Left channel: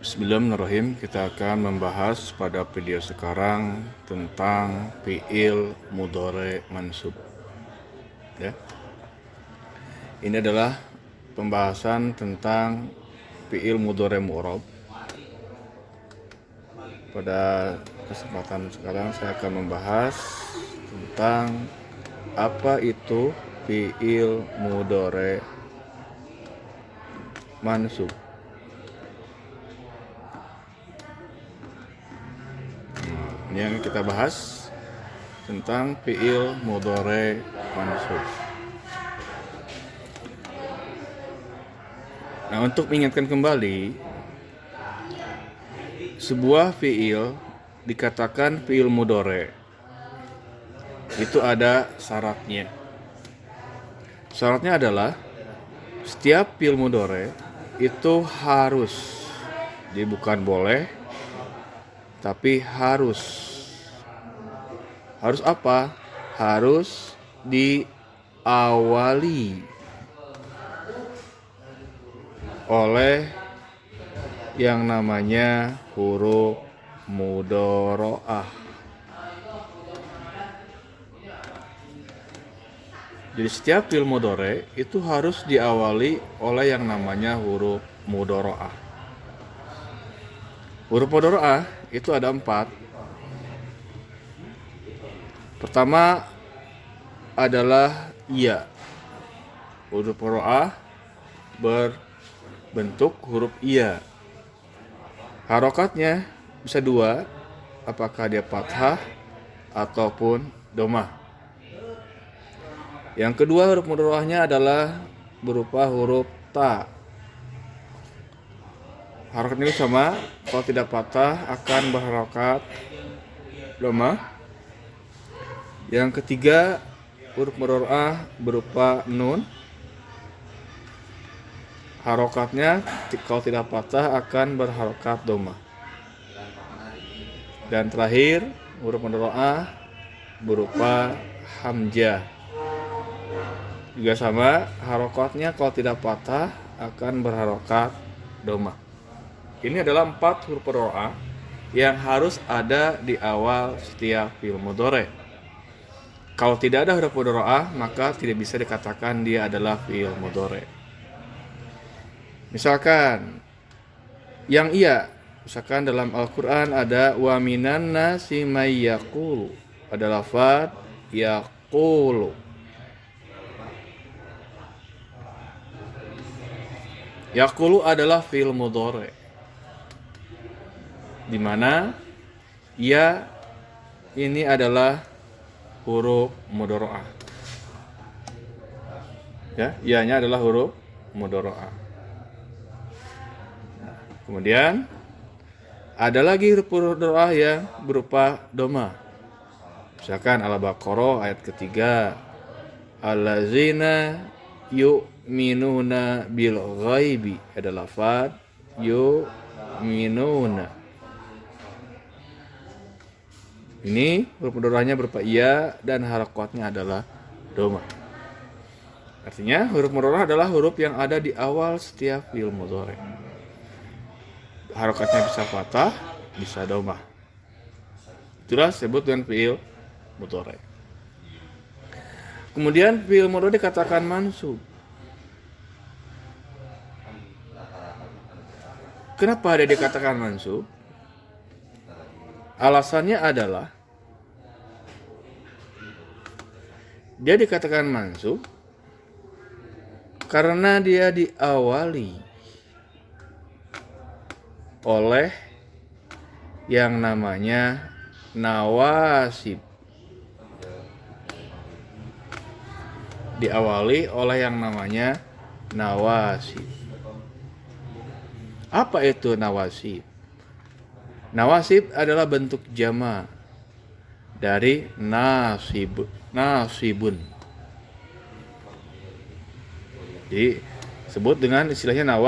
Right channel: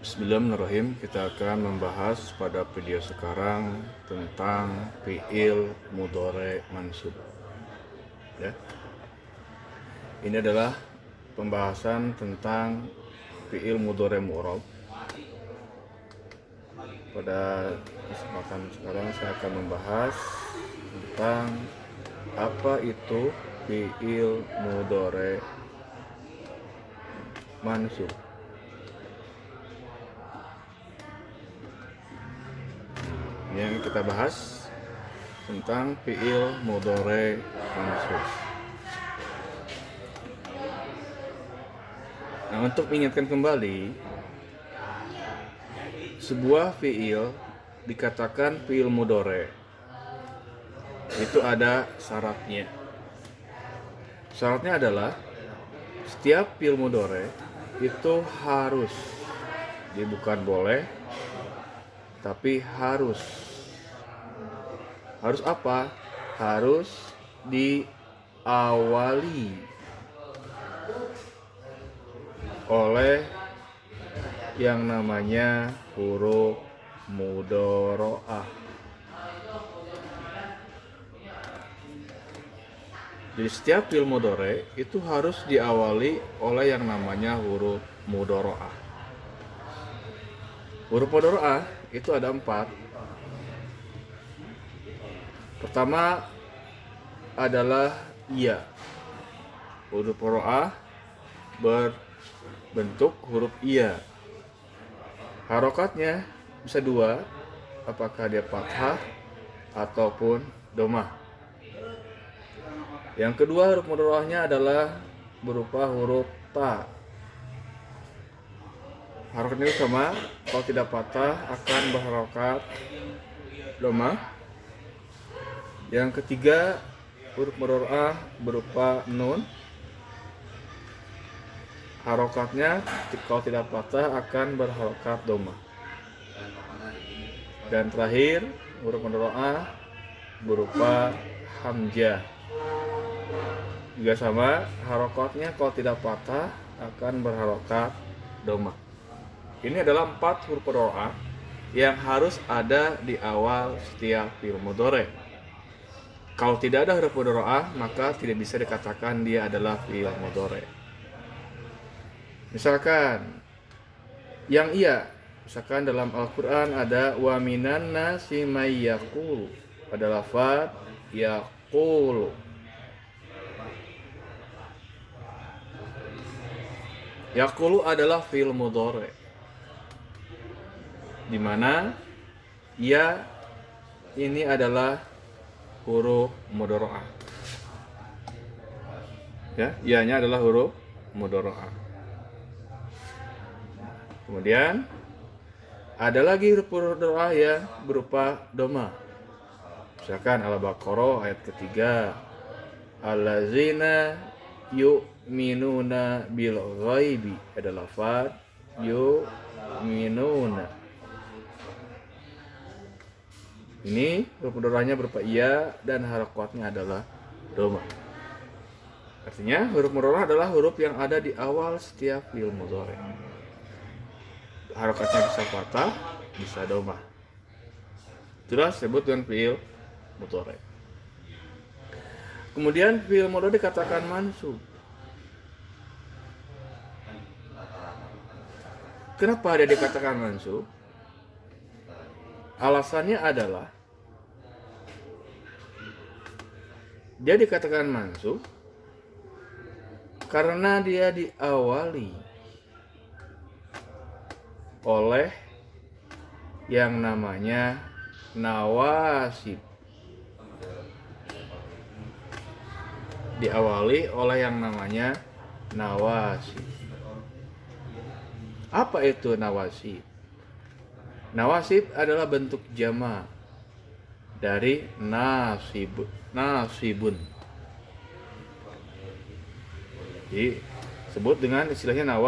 Bismillahirrahmanirrahim. Kita akan membahas pada video sekarang tentang fi'il mudhari mansub. Ya. Ini adalah pembahasan tentang fi'il mudhari mu'rab. Pada kesempatan sekarang saya akan membahas tentang apa itu fi'il mudhari mansub. Yang kita bahas tentang fi'il mudhari mansub. Nah, untuk mengingatkan kembali, sebuah fi'il dikatakan fi'il mudhari itu ada syaratnya. Syaratnya adalah setiap fi'il mudhari itu harus, jadi bukan boleh, tapi harus apa? Harus diawali oleh yang namanya huruf mudhari'ah. Jadi setiap fi'il mudhari itu harus diawali oleh yang namanya huruf mudhari'ah. Huruf mudhari'ah itu ada 4. Pertama adalah ya. Huruf mudhari'ah berbentuk huruf iya. Harokatnya bisa 2, apakah dia fathah ataupun dhammah. Yang kedua, huruf mudhari'ahnya adalah berupa huruf ta. Harokatnya sama, kalau tidak patah akan berharokat dhammah. Yang ketiga, huruf mudhari'ah berupa nun. Harokatnya kalau tidak patah akan berharokat dhammah. Dan terakhir, huruf mudhari'ah berupa hamzah. Juga sama, harokatnya kalau tidak patah akan berharokat dhammah. Ini adalah 4 huruf mudhari'ah yang harus ada di awal setiap fi'il mudhari. Kalau tidak ada huruf mudhari'ah, maka tidak bisa dikatakan dia adalah fi'il mudhari. Misalkan yang iya, misalkan dalam Al-Qur'an ada wa minan nasi may yaqulu, ada lafaz yaqulu. Yaqulu adalah fi'il mudhari, di mana ya ini adalah huruf mudhari'ah. Ya, ya-nya adalah huruf mudhari'ah. Kemudian ada lagi huruf mudhari'ah yang berupa dhammah. Misalkan Al-Baqarah ayat ketiga, allazina yu'minuna bil ghaibi, ada lafaz yu'minuna. Ini huruf mudhari'ahnya berupa iya dan harokatnya adalah dhammah. Artinya huruf mudhari'ah adalah huruf yang ada di awal setiap fi'il mudhari. Harokatnya bisa fathah, bisa dhammah. Itulah disebut dengan fi'il mudhari. Kemudian fi'il mudhari dikatakan mansub. Kenapa dia dikatakan mansub? Alasannya adalah dia dikatakan mansub karena dia diawali oleh yang namanya nawasib. Diawali oleh yang namanya nawasib. Apa itu nawasib? Nawasib adalah bentuk jama dari nasibun. Jadi sebut dengan istilahnya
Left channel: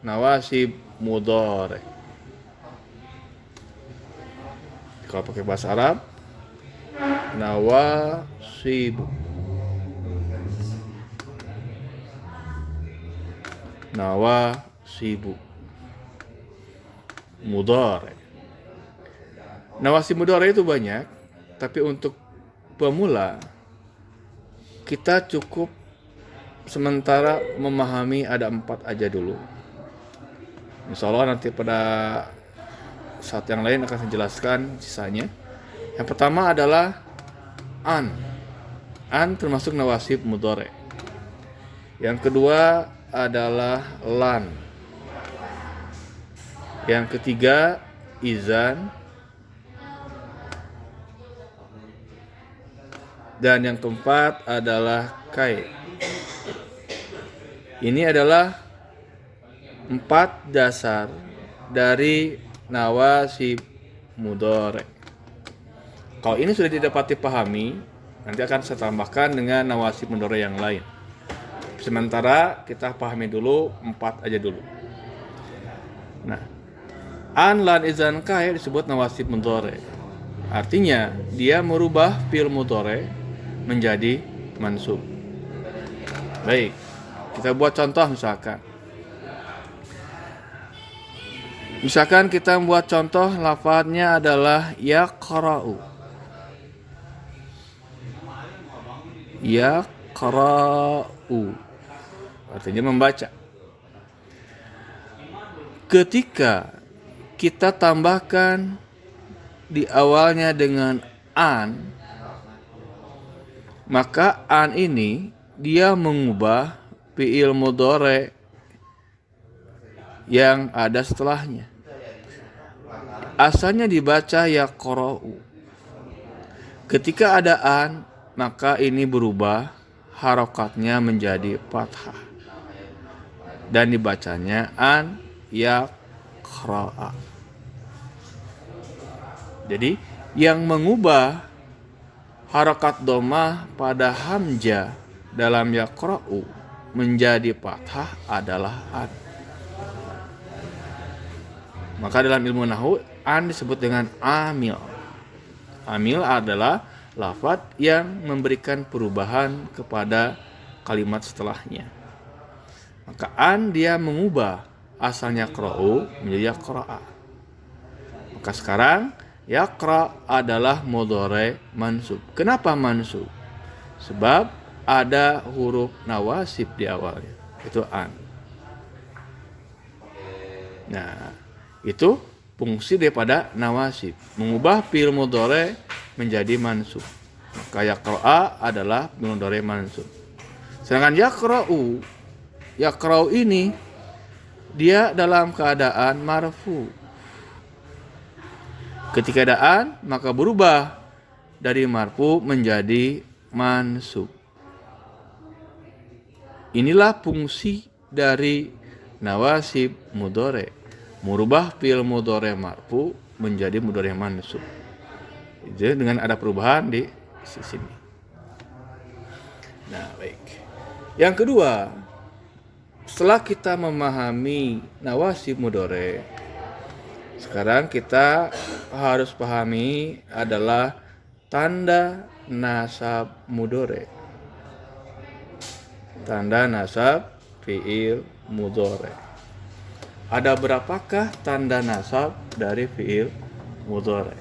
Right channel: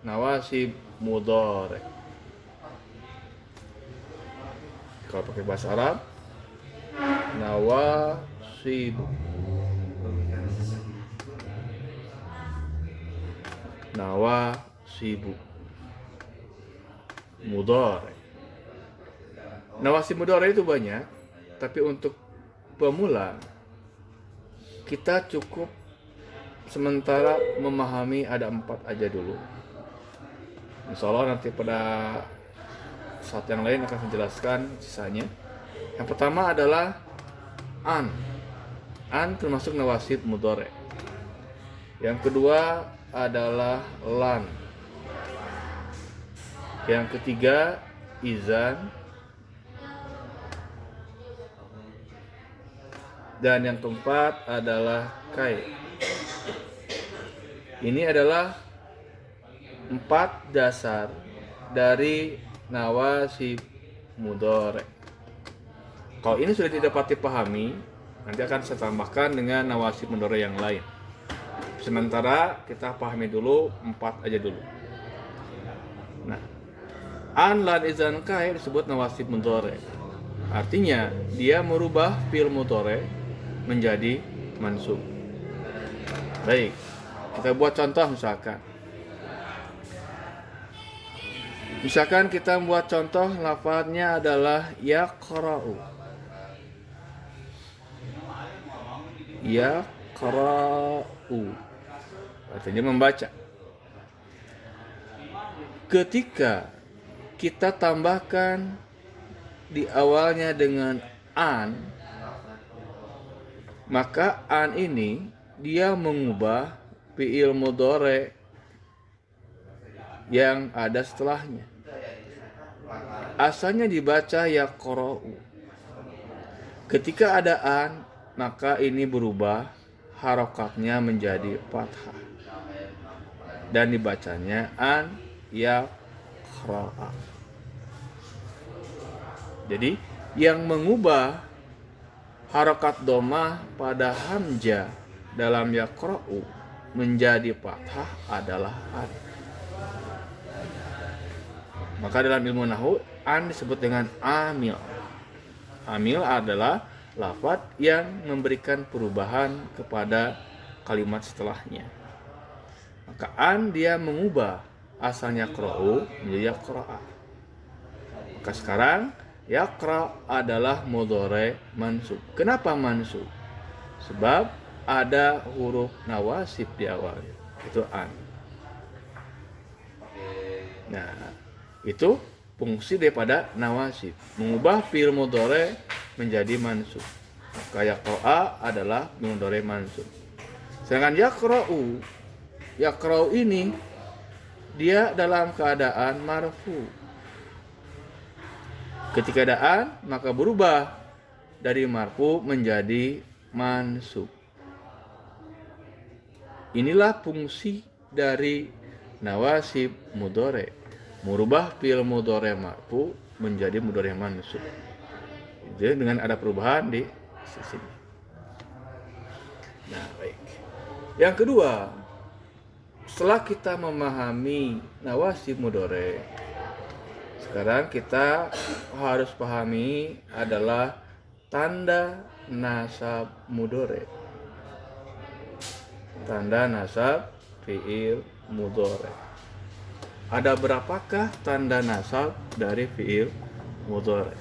nawasib mudhari. Kalau pakai bahasa Arab, nawasib. Nawasibu. mudhari. Nawasib mudhari itu banyak, tapi untuk pemula kita cukup sementara memahami ada 4 aja dulu. Insya Allah nanti pada saat yang lain akan saya jelaskan sisanya. Yang pertama adalah an. An termasuk nawasib mudhari. Yang kedua adalah lan. Yang ketiga izan. Dan yang keempat adalah kai. Ini adalah 4 dasar dari nawasib mudhari. Kalau ini sudah didapati pahami, nanti akan saya tambahkan dengan nawasib mudhari yang lain. Sementara kita pahami dulu 4 aja dulu. Nah, an, lan, izan, kai disebut nawasib mudhari. Artinya dia merubah fi'il mudhari menjadi mansub. Baik, kita buat contoh misalkan. Misalkan kita membuat contoh lafadznya adalah yaqra'u. Yaqra'u artinya membaca. Ketika kita tambahkan di awalnya dengan an, maka an ini dia mengubah fi'il mudhari yang ada setelahnya. Asalnya dibaca yaqra'u. Ketika ada an, maka ini berubah harokatnya menjadi fathah dan dibacanya an yaqra'a. Jadi yang mengubah harokat dhammah pada hamzah dalam yaqra'u menjadi fathah adalah an. Maka dalam ilmu nahwu an disebut dengan amil. Amil adalah lafaz yang memberikan perubahan kepada kalimat setelahnya. Maka an dia mengubah asalnya qra'u menjadi yaqra'a. Maka sekarang yaqra adalah mudhari mansub. Kenapa mansub? Sebab ada huruf nawasib di awalnya. Itu an. Nah, itu fungsi daripada nawasib, mengubah fi'il mudhari menjadi mansub. Maka yaqra'a adalah fi'il mudhari mansub. Sedangkan yaqra'u ini dia dalam keadaan marfu. Ketika ada an, maka berubah dari marfu menjadi mansub. Inilah fungsi dari nawasib mudhari, merubah fi'il mudhari marfu menjadi mudhari mansub. Jadi dengan ada perubahan di sini. Nah, baik. Yang kedua, setelah kita memahami nawasib mudhari, sekarang kita harus pahami adalah tanda nasab mudhari. Tanda nasab fi'il mudhari. Ada berapakah tanda nasab dari fi'il mudhari?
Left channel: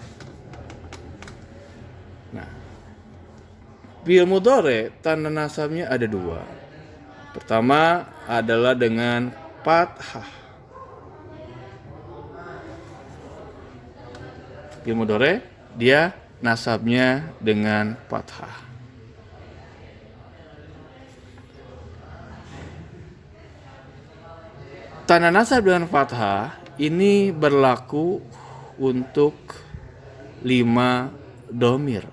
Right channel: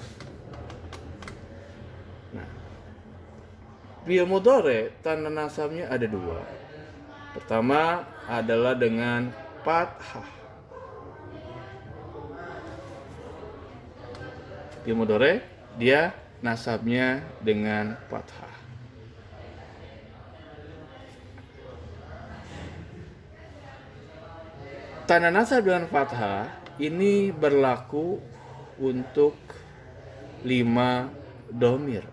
Nah, fi'il mudhari tanda nasabnya ada 2. Pertama adalah dengan fathah. Fi'il mudhari dia nasabnya dengan fathah. Tanda nasab dengan fathah ini berlaku untuk 5 dhamir.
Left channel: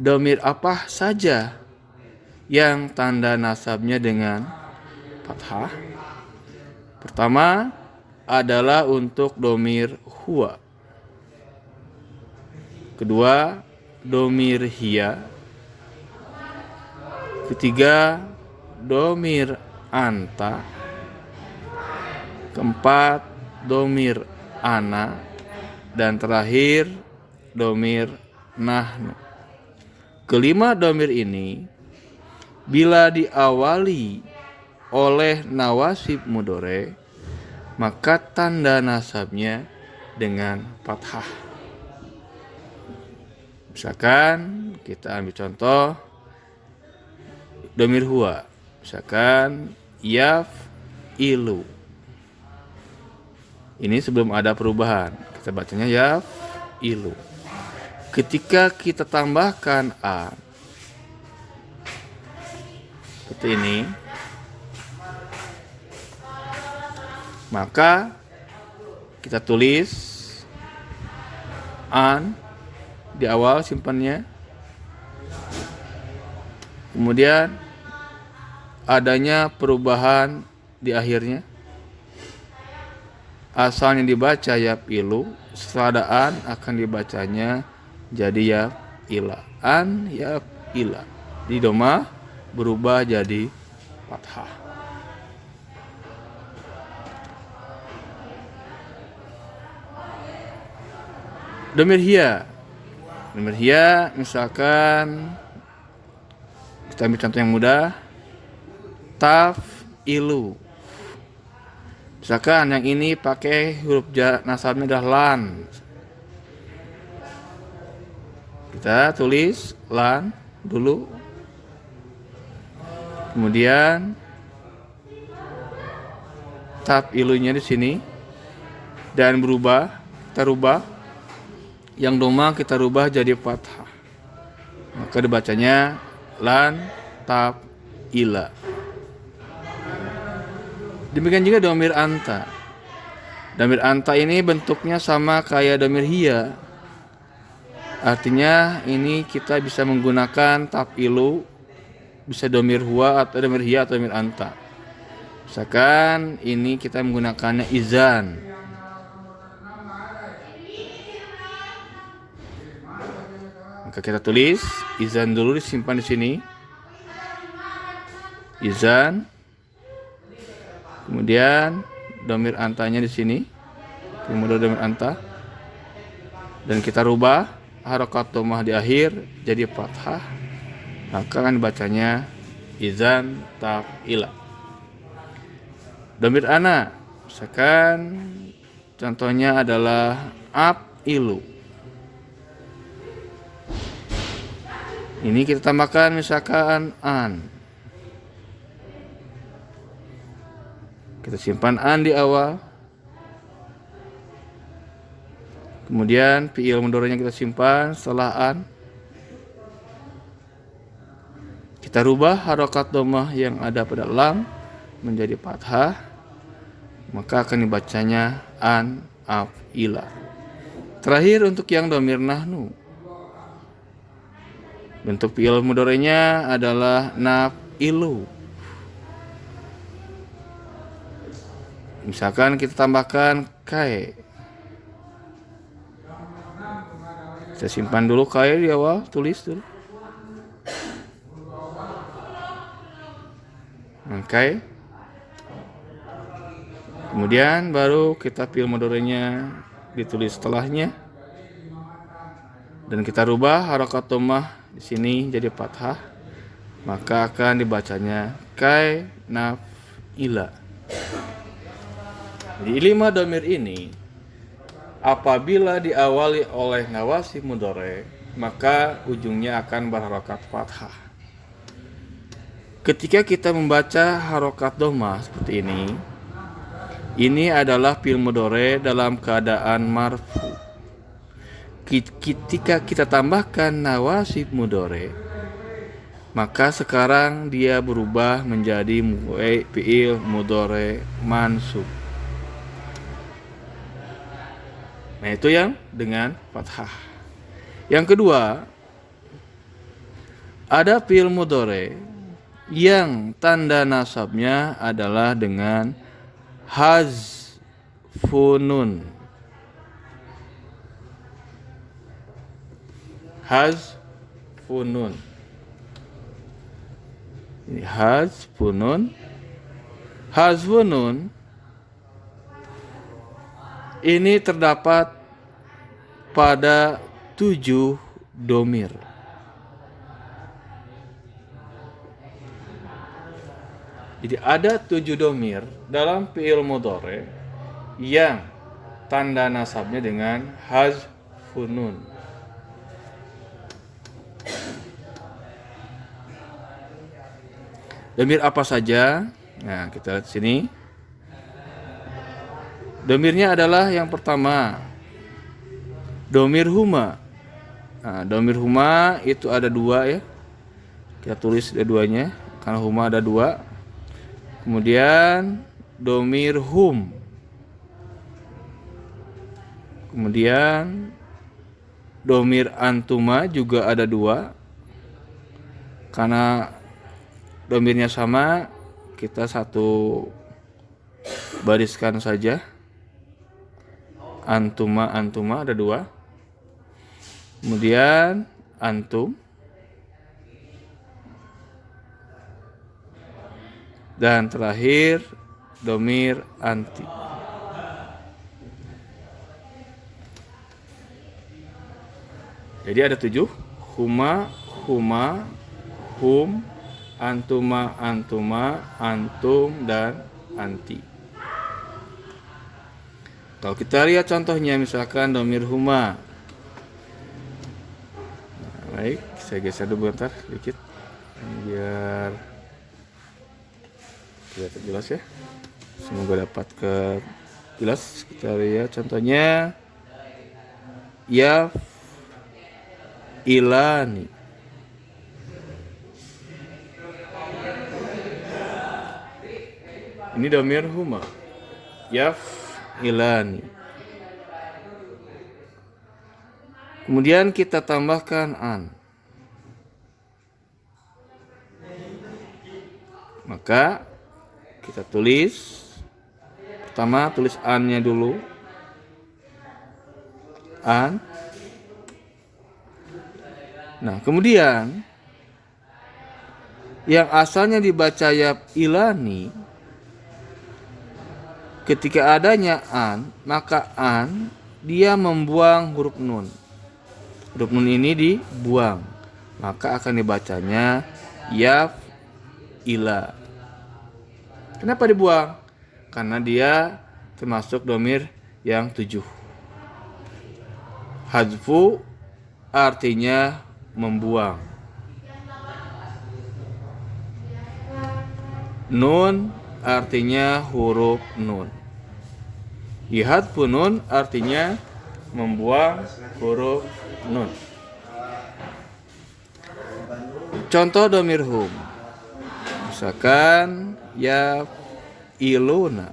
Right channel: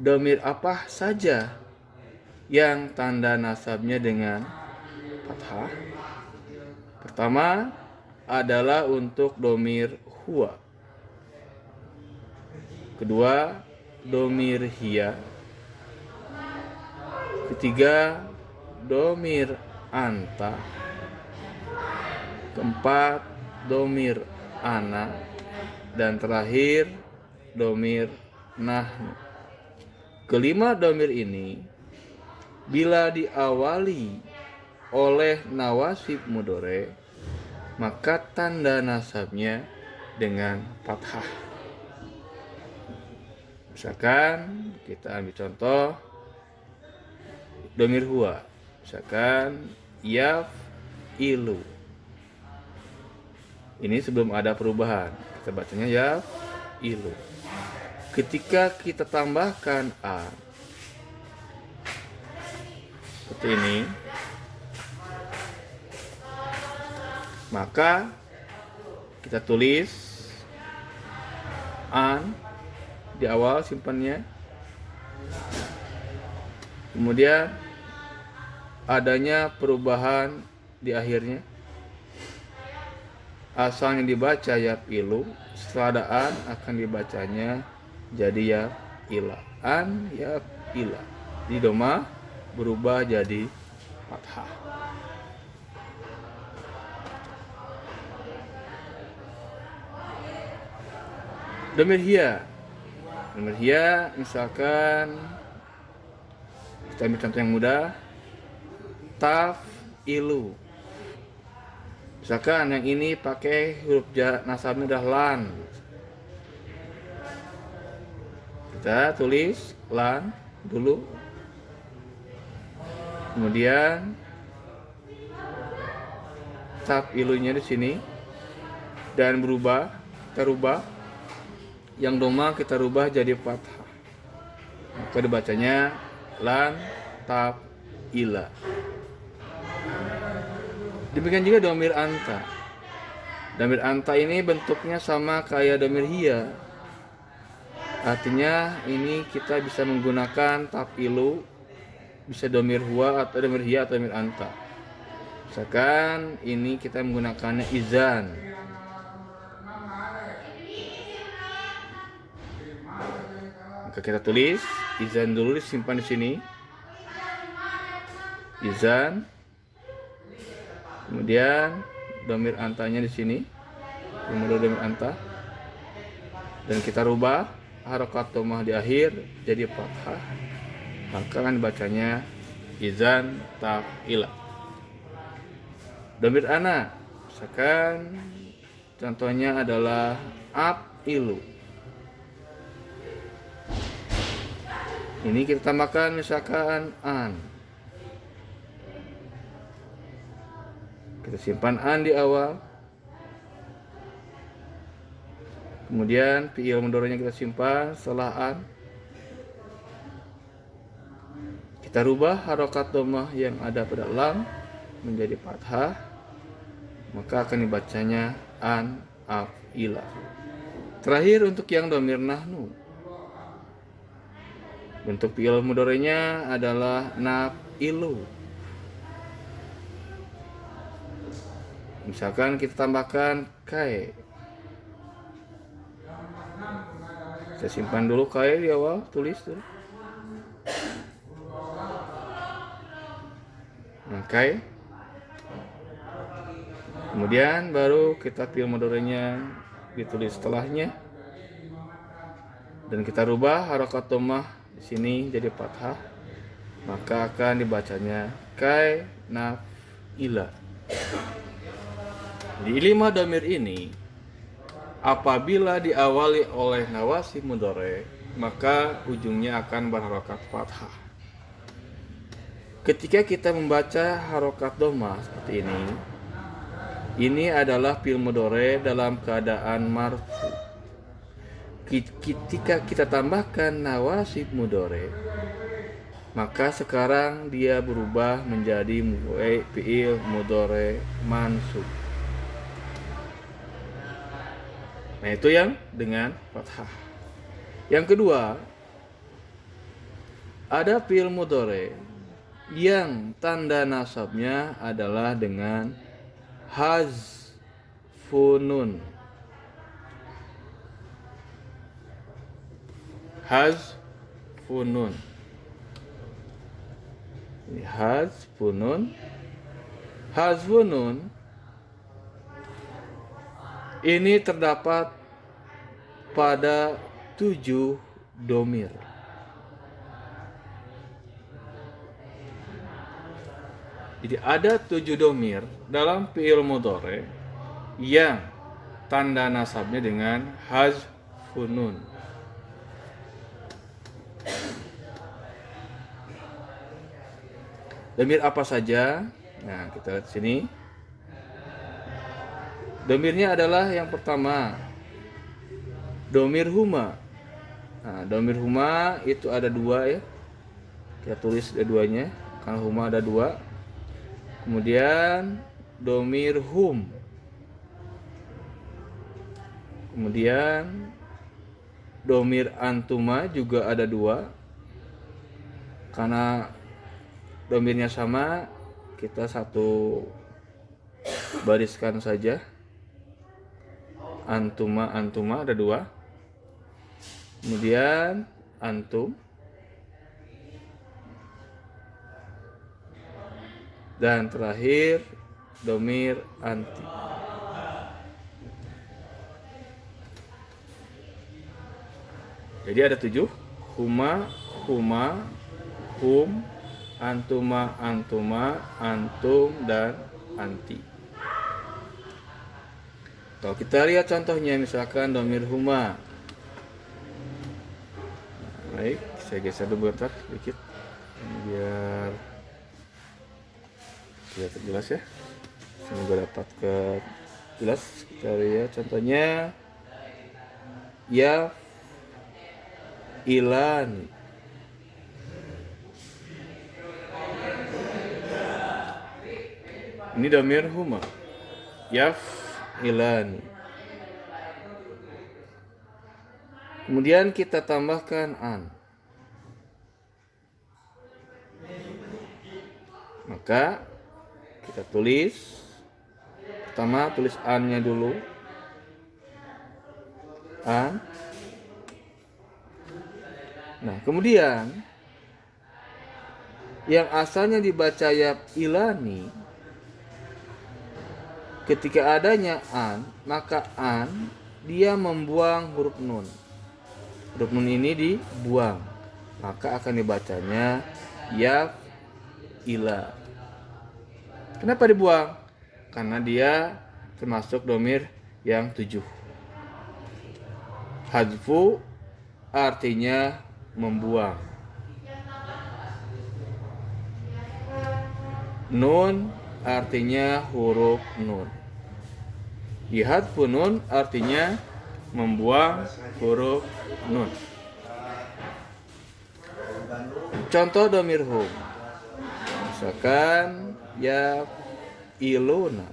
Dhamir apa saja yang tanda nasabnya dengan fathah? Pertama adalah untuk dhamir huwa. Kedua, dhamir hiya. Ketiga, dhamir anta. Keempat, dhamir ana. Dan terakhir, dhamir nahnu. Kelima dhamir ini bila diawali oleh nawasib mudhari, maka tanda nasabnya dengan fathah. Misalkan kita ambil contoh domir huwa, misalkan yaf ilu. Ini sebelum ada perubahan, kita bacanya yaf ilu. Ketika kita tambahkan a seperti ini, maka kita tulis an di awal simpannya, kemudian adanya perubahan di akhirnya, asalnya dibaca yap ilu, setelah ada an akan dibacanya jadi yap ila, an yap ila. Di doma berubah jadi fathah. Domir hiya. Domir hiya misalkan kita ambil contoh yang mudah. Taf ilu. Misalkan yang ini pakai huruf nasabnya udah lan. Kita tulis lan dulu. Kemudian taf ilunya di sini dan berubah, kita rubah. Yang doma kita rubah jadi fathah. Maka dibacanya lan taf ila. Demikian juga domir anta. Domir anta ini bentuknya sama kayak domir hiya. Artinya ini kita bisa menggunakan taf ilu, bisa domir huwa atau domir hiya atau domir anta. Misalkan ini kita menggunakannya izan. Maka kita tulis izan dulu, disimpan di sini. Izan. Kemudian domir antanya di sini. Kemudian domir anta. Dan kita rubah harokat domah di akhir jadi fathah. Maka kan bacanya izan taf ila. Domir ana. Misalkan contohnya adalah ab ilu. Ini kita tambahkan misalkan an. Kita simpan an di awal. Kemudian fi'il mudhari'nya kita simpan setelah an. Kita rubah harokat dhammah yang ada pada lam menjadi fathah. Maka akan dibacanya an af'ila. Terakhir untuk yang dhamir nahnu. Bentuk fi'il mudhari'nya adalah naf'ilu. Misalkan kita tambahkan kai. Kita simpan dulu kai di awal, tulis dulu. Kai. Kemudian baru kita fi'il mudhari'nya ditulis setelahnya. Dan kita rubah harokat dhammah di sini jadi fathah, maka akan dibacanya kai naf'ila. Di 5 dhamir ini apabila diawali oleh nawasib mudhari, maka ujungnya akan berharokat fathah. Ketika kita membaca harokat dhammah seperti ini adalah fi'il mudhari dalam keadaan marfu. Ketika kita tambahkan nawasib mudhari, maka sekarang dia berubah menjadi fi'il mudhari mansub. Nah, itu yang dengan fathah. Yang kedua, ada fi'il mudhari yang tanda nasabnya adalah dengan hazfunun. Hazfunun. Ini hazfunun. Hazfunun ini terdapat pada 7 domir. Jadi ada 7 domir dalam fi'il mudhari yang tanda nasabnya dengan hazfun nun. Domir apa saja? Nah, kita lihat sini. Domirnya adalah yang pertama, domir huma. Nah, domir huma itu ada dua ya. Kita tulis dua-duanya karena huma ada dua. Kemudian domir hum. Kemudian domir antuma juga ada dua. Karena domirnya sama, kita satu bariskan saja. Antuma ada dua. Kemudian antum. Dan terakhir domir anti. Jadi ada 7. Huma, hum, antuma, antum, dan anti. Kalau kita lihat contohnya, misalkan domir huma. Nah, baik, saya geser dulu bentar sedikit. Ini biar kelihatan jelas ya. Semoga dapat jelas. Kita lihat contohnya. Ya ilani. Ini domir huma. Yaf ilani. Kemudian kita tambahkan an. Maka kita tulis. Pertama tulis an-nya dulu. An. Nah, kemudian yang asalnya dibaca yaf ilani, ketika adanya an, maka an dia membuang huruf nun. Huruf nun ini dibuang, maka akan dibacanya yaf ila. Kenapa dibuang? Karena dia termasuk domir yang 7. Hadfu artinya membuang. Nun artinya huruf nun. Ihadfu nun artinya membuang huruf nun. Contoh domir hum. Misalkan ya iluna.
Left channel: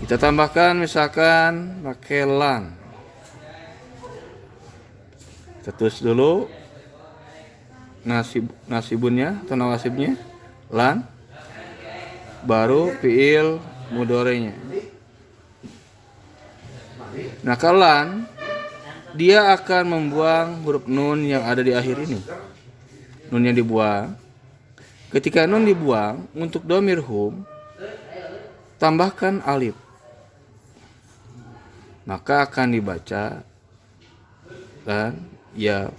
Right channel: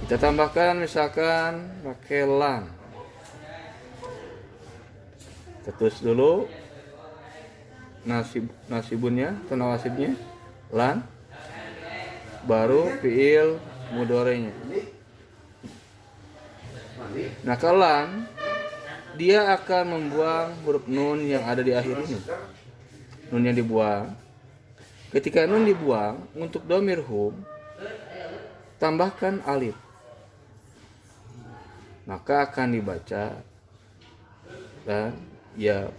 Kita tambahkan misalkan pakai lan. Kita tulis dulu nasibunnya atau nawasibnya lan, baru fiil mudorenya. Nah, kalau lan dia akan membuang huruf nun yang ada di akhir ini. Nun yang dibuang. Ketika nun dibuang, untuk domir hum tambahkan alif, maka akan dibaca dan ya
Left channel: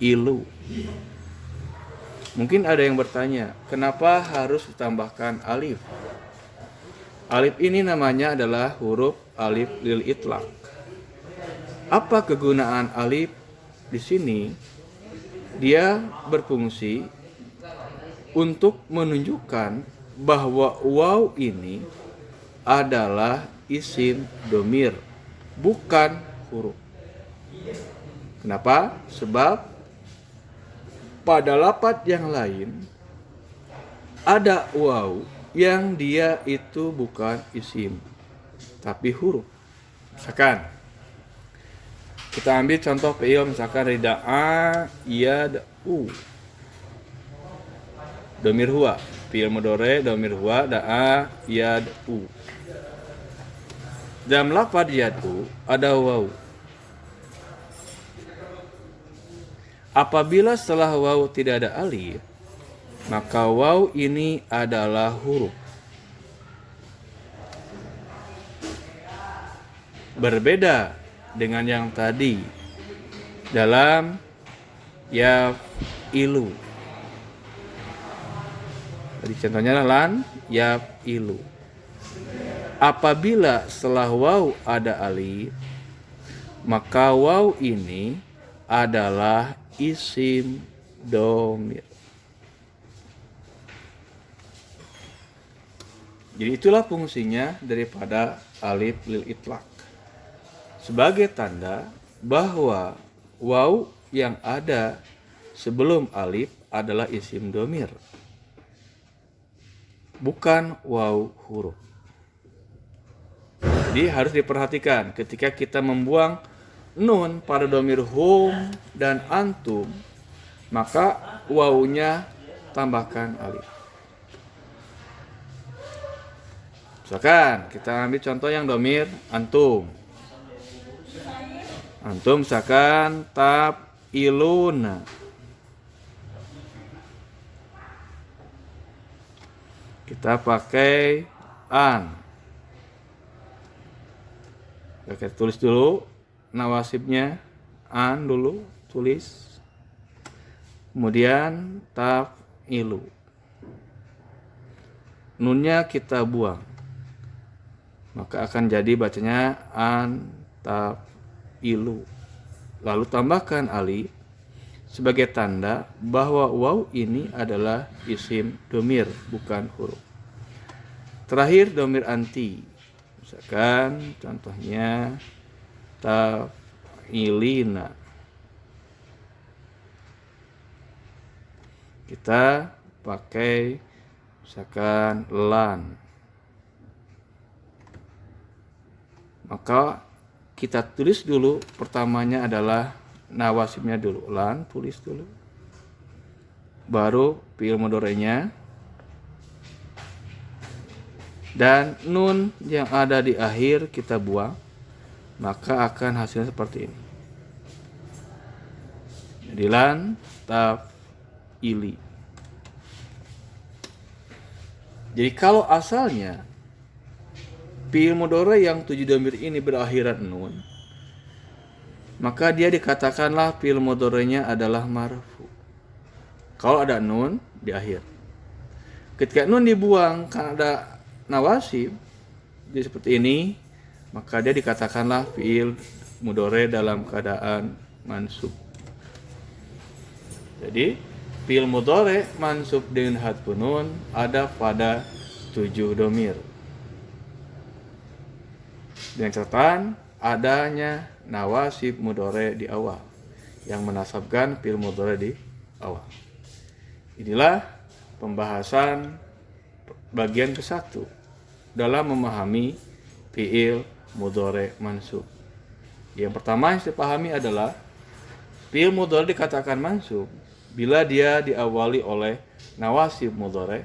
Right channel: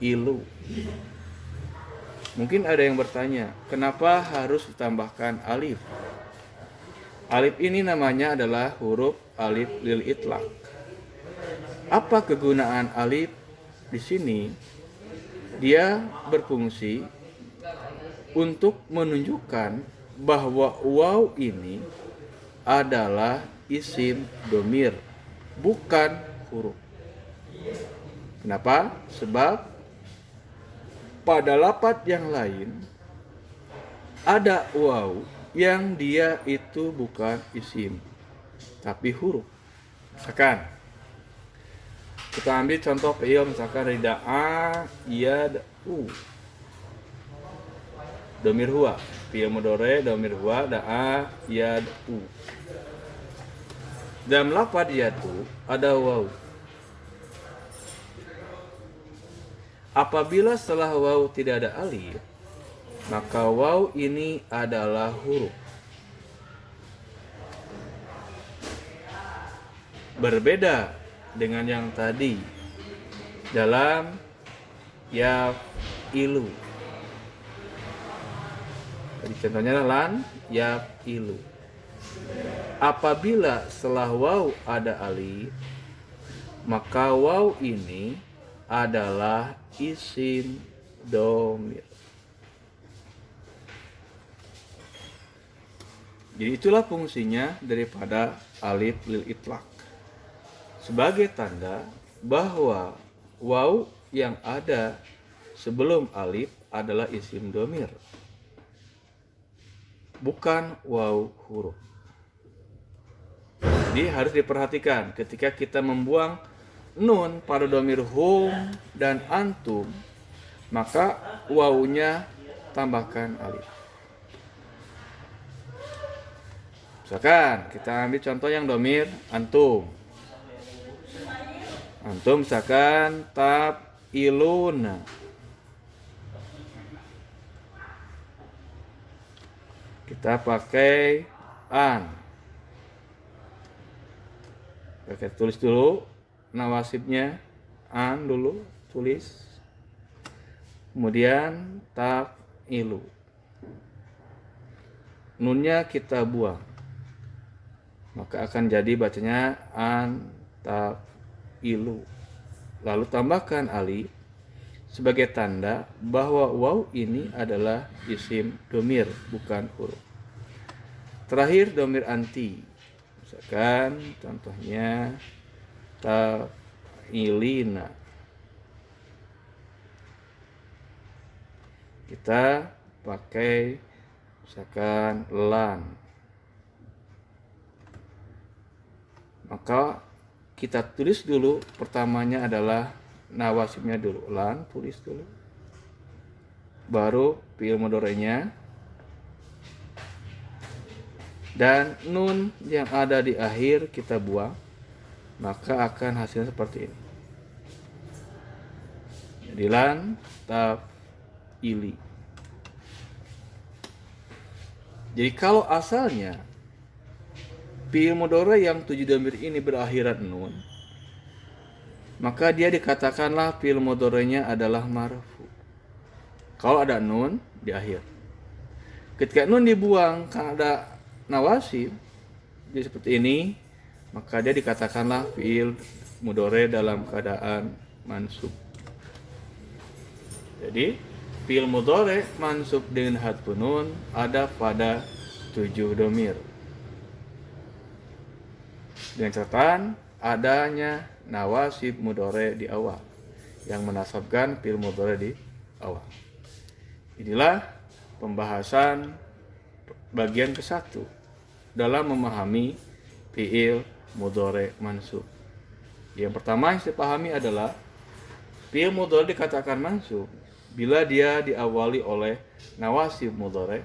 ilu. Mungkin ada yang bertanya, kenapa harus ditambahkan alif? Alif ini namanya adalah huruf alif lil itlaq. Apa kegunaan alif di sini? Dia berfungsi untuk menunjukkan bahwa waw ini adalah isim domir, bukan huruf. Kenapa? Sebab pada lafaz yang lain ada waw yang dia itu bukan isim, tapi huruf. Misalkan kita ambil contoh fi'il, misalkan rida'a yad'u. Domir huwa, fi'il mudhari domir huwa, da'a yad'u. Dalam lafaz yad'u ada waw. Apabila setelah waw tidak ada alif, maka waw ini adalah huruf. Berbeda dengan yang tadi dalam ya ilu. Tadi contohnya lan yafilu. Apabila setelah waw ada alif, maka waw ini adalah isim domir. Jadi itulah fungsinya daripada alif lil itlaq. Sebagai tanda bahwa waw yang ada sebelum alif adalah isim domir, bukan waw huruf. Jadi harus diperhatikan ketika kita membuang nun pada domir hum dan antum, maka wawnya tambahkan alif. Misalkan kita ambil contoh yang domir antum. Antum misalkan iluna. Kita pakai an. Oke, tulis dulu nawasibnya, an dulu tulis. Kemudian ilu. Nunnya kita buang. Maka akan jadi bacanya an ilu. Lalu tambahkan alif sebagai tanda bahwa waw ini adalah isim domir, bukan huruf. Terakhir domir anti. Misalkan contohnya ilina. Kita pakai misalkan lan. Maka kita tulis dulu, pertamanya adalah nawasibnya dulu, lan tulis dulu. Baru fi'il mudhari'nya. Dan nun yang ada di akhir kita buang, maka akan hasilnya seperti ini. Jadi lan ili. Jadi kalau asalnya fi'il mudhari yang 7 domir ini berakhiran nun, maka dia dikatakanlah fi'il mudhari'nya adalah marfu. Kalau ada nun di akhir. Ketika nun dibuang karena ada nawasib seperti ini, maka dia dikatakanlah fi'il mudhari dalam keadaan mansub. Jadi fi'il mudhari mansub dengan hadfun nun ada pada 7 domir. Dengan catatan adanya nawasib mudhari di awal yang menasabkan fi'il mudhari di awal. Inilah pembahasan bagian ke-1 dalam memahami fi'il mudhari mansub. Yang pertama yang saya pahami adalah fi'il mudhari dikatakan mansub bila dia diawali oleh nawasib mudhari.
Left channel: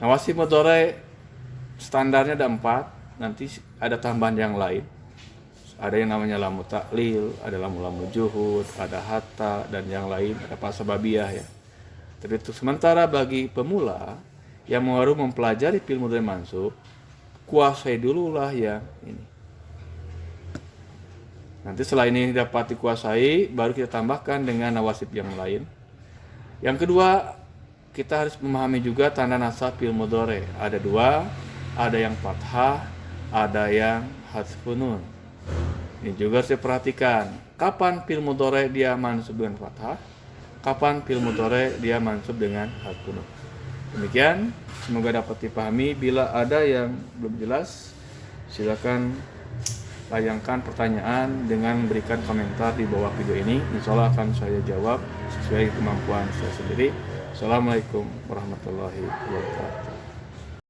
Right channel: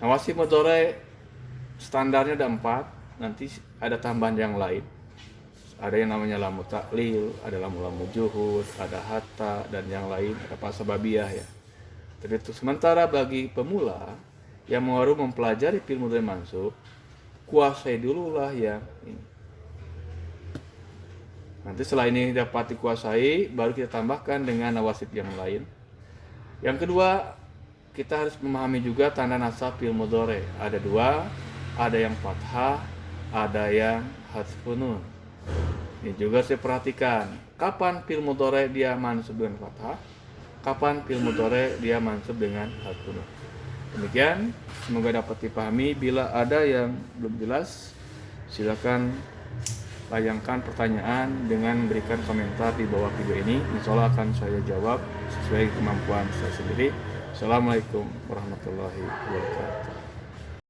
Nawasib mudhari standarnya ada 4. Nanti ada tambahan yang lain. Ada yang namanya lamu taklil, ada lamu juhud, ada hatta, dan yang lain, ada pasababiyah ya. Tapi untuk sementara bagi pemula yang baru mempelajari fi'il mudhari mansub, kuasai dululah yang ini. Nanti setelah ini dapat dikuasai, baru kita tambahkan dengan nawasib yang lain. Yang kedua, kita harus memahami juga tanda nasab fi'il mudhari. Ada 2, ada yang fathah, ada yang hadfun nun. Ini juga saya perhatikan, kapan fi'il mudhari dia mansub dengan fathah, kapan fi'il mudhari dia mansub dengan hadfun nun. Demikian, semoga dapat dipahami. Bila ada yang belum jelas, silakan layangkan pertanyaan dengan berikan komentar di bawah video ini. Insyaallah akan saya jawab sesuai kemampuan saya sendiri. Assalamualaikum warahmatullahi wabarakatuh.